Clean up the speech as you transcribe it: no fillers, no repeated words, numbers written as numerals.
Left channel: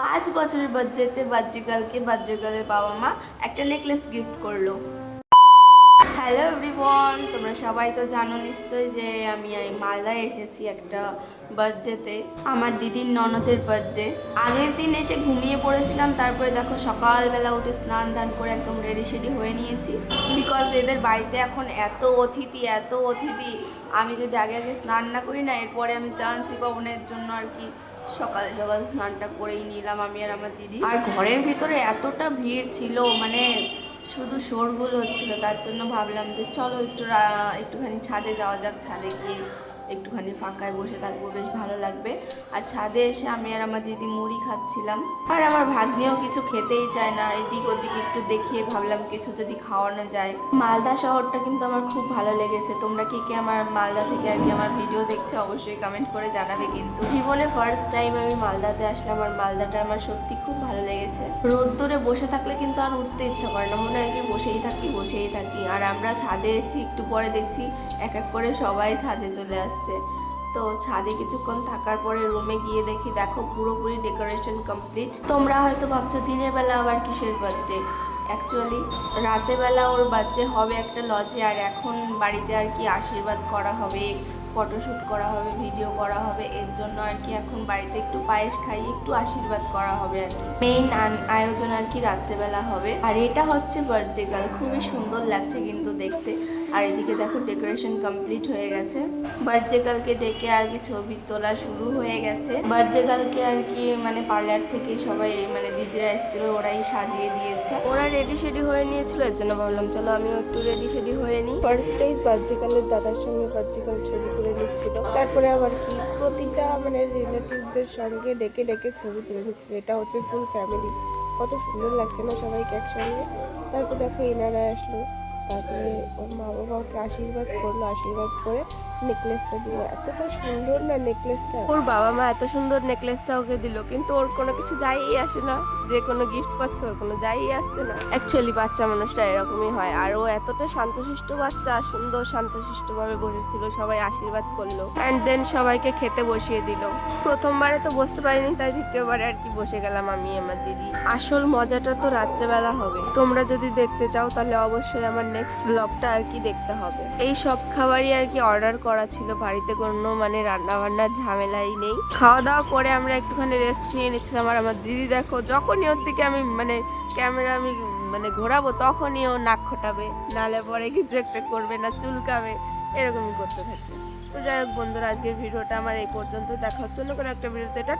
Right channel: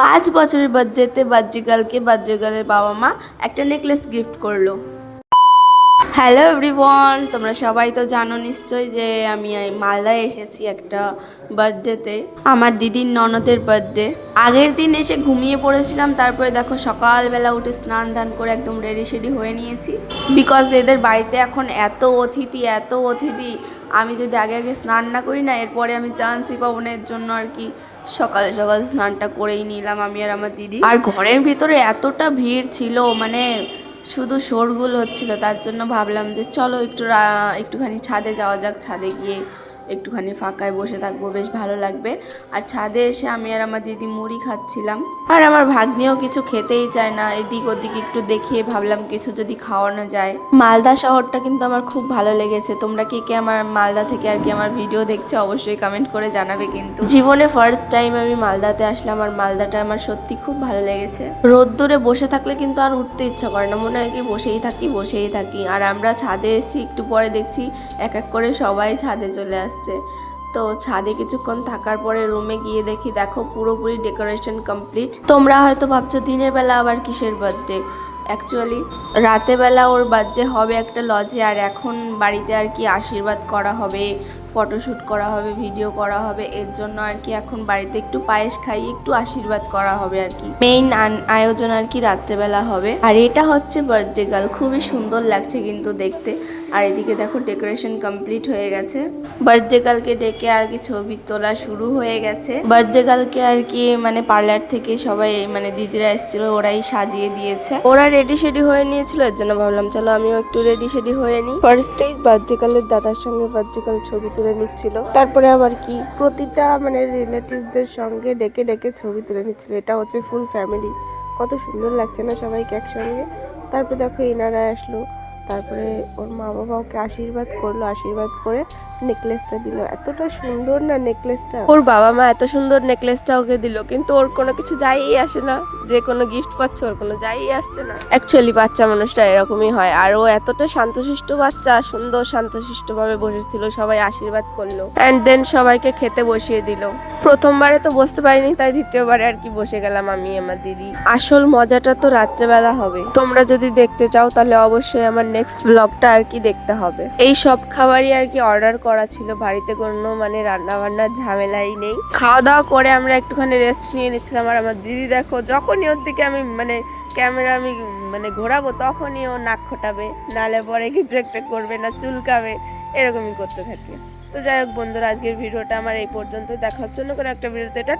5 বছরের বার্থডেতে বার্থডে বাবা মা একটা নেকলেস গিফট করলো। হ্যালো এভরিওয়ান, তোমরা সবাই তো জানো নিশ্চয়ই যে আমি মালদায় এসেছি একটা বার্থডেতে, আমার দিদির ননদের বার্থডে। আগের দিন এসে ঘুমিয়ে পড়েছিলাম, তারপরে দেখো সকালবেলা উঠে স্নান দান করে একদম রেডি শেডি হয়ে নিয়েছি, বিকজ এদের বাড়িতে এখন এত অতিথি। আমি যদি আগে আগে স্নান না করি না, এরপরে আমি চান্সই পাবো না। এর জন্য আর কি সকাল সকাল স্নানটা করেই নিলাম আমি আর আমার দিদি। আর ঘরের ভিতরে এতটা ভিড় ছিল, মানে শুধু শোরগোল হচ্ছিল, তার জন্য ভাবলাম যে চলো একটুখানি ছাদে যাওয়া যাক। ছাদে গিয়ে একটুখানি ফাঁকায় বসে থাকবো, বেশ ভালো লাগবে। আর ছাদে এসে আমি আর আমার দিদি মুড়ি খাচ্ছিলাম, আর আমার ভাগ্নিও কিছু খেতেই চায় না। এদিক ওদিক একটু দেখিয়ে ভাবলাম কিছু যদি খাওয়ানো যায়। মালদা শহরটা কিন্তু আমার খুব ভালো লেগেছে। তোমরা কে কে আমার মালদা থেকে আর কি আমার ভিডিও দেখছো অবশ্যই কমেন্ট করে জানাবে। কিন্তু জীবনে ফার্স্ট টাইম আমি মালদাতে আসলাম, আর মালদাটা আমার সত্যি খুব ভালো লেগেছে। রোদ্দুরে বসে থাকলে কিন্তু আর উঠতে ইচ্ছা করে না, মনে হয় কি বসেই থাকি। আর আমরা ছাদে এসেছি, একটু পরে দেখছি এক এক করে সবাই ছাদে চলে আসছে। তো ছাদে কিছুক্ষণ থাকার পরে রুমে গিয়ে দেখো পুরোপুরি ডেকোরেশন কমপ্লিট। তোমরা হয়তো ভাবছো দিনের বেলা আবার কিসের বার্থডে। অ্যাকচুয়ালি রাতেবেলা ওর বার্থডে হবে একটা লজে, আর এখন বাড়িতে আর কি আশীর্বাদ করা হবে, ফটোশ্যুট করা হবে, ভিডিও করা হবে। এর জন্য আর কি এখন বাড়িতে একটু পায়েস খাইয়ে একটু আশীর্বাদ করা হবে আর কি। মেইন আয়োজন আর কি রাত্রেবেলা হবে। আর এটা হচ্ছে বার্থডে গার্ল, খুবই সুন্দর লাগছে কিন্তু দেখতে। আর এদিকে দেখো ডেকোরেশন কমপ্লিট হয়ে গেছে। বার্থডে গার্লকে ডেকে আর কি ছবি তোলা শুরু হয়ে গেছে। বার্থডে গার্লকে আর কি মানে পার্লার থেকে সবাই মানে দিদিরা এসেছিল, ওরাই সাজিয়ে দিয়েছে। ওরা রেডি শেডি হয়ে নিয়েছিল, এর জন্য ভাবলাম চলো আমিও একটু রেডি শেডি হয়ে নিই। ফার্স্টেই বার্থডে গার্লের দাদার সঙ্গে বার্থডে গার্ল ছবি তুলে নিচ্ছিল, তারপরে আবার কি প্রতিটা মানে রিলেটিভদের সঙ্গে ডেকে ডেকে ছবি তুলে নিচ্ছিল। এটা হচ্ছে ফুল ফ্যামিলি, কত সুন্দর লাগছে না সবাইকে একসঙ্গে। তারপর দেখো এনারা আসলো, তারপরে ওর মা বাবা ওকে আশীর্বাদ করলো, আশীর্বাদ করে নেকলেসটা দিল। এতটা সুন্দর না নেকলেসটা, ওর বাবা মা এত সুন্দর নেকলেসটা ওকে দিল, কিন্তু ওর কোনো কিছু যাইই আসে না। যে কোনো গিফট পাচ্ছে ওর কোনো যাইই আসছে না। অ্যাকচুয়ালি বাচ্চা মানুষটা এরকমই হয়। আর ও এতটা শান্তশিষ্ট বাচ্চা, সুন্দর শান্তশিষ্ট ভাবে বসেছিল, সবাই আশীর্বাদ করলো অ্যান্ড দেন সবাইকে খেতে বসিয়ে দিল। প্রথমবারে তো বসতে পারিনি, তাই দ্বিতীয়বারে আর কি বসে গেলাম আমি আমার দিদি। আসল মজাটা তো রাত্রেবেলা হবে। তোমরা যদি দেখতে চাও তাহলে অবশ্যই আমার নেক্সট ব্লগটা আর কি দেখতে হবে। এই সব খাবারই আর কি অর্ডার করা ছিল, বাড়িতে কোনো মানে রান্না বান্নার ঝামেলাই নেই। খাওয়া দাওয়া করে আমরা একটুখানি রেস্ট নিয়ে নিচ্ছিলাম। আর আমার দিদি দেখো যখনই ওর দিকে আমি মানে ক্যামেরা মানে ঘোরাবো, তখনই ও নাক খোটাবে, নালে পরে কিছু একটা করবে, না চুলকাবে, এরকমই করতে থাকে। তো যাই হোক বন্ধুরা, আজকের ভিডিওটা আমার এই পর্যন্ত। দেখা হচ্ছে অন্য কোনো একটা ভিডিওতে। টাটা।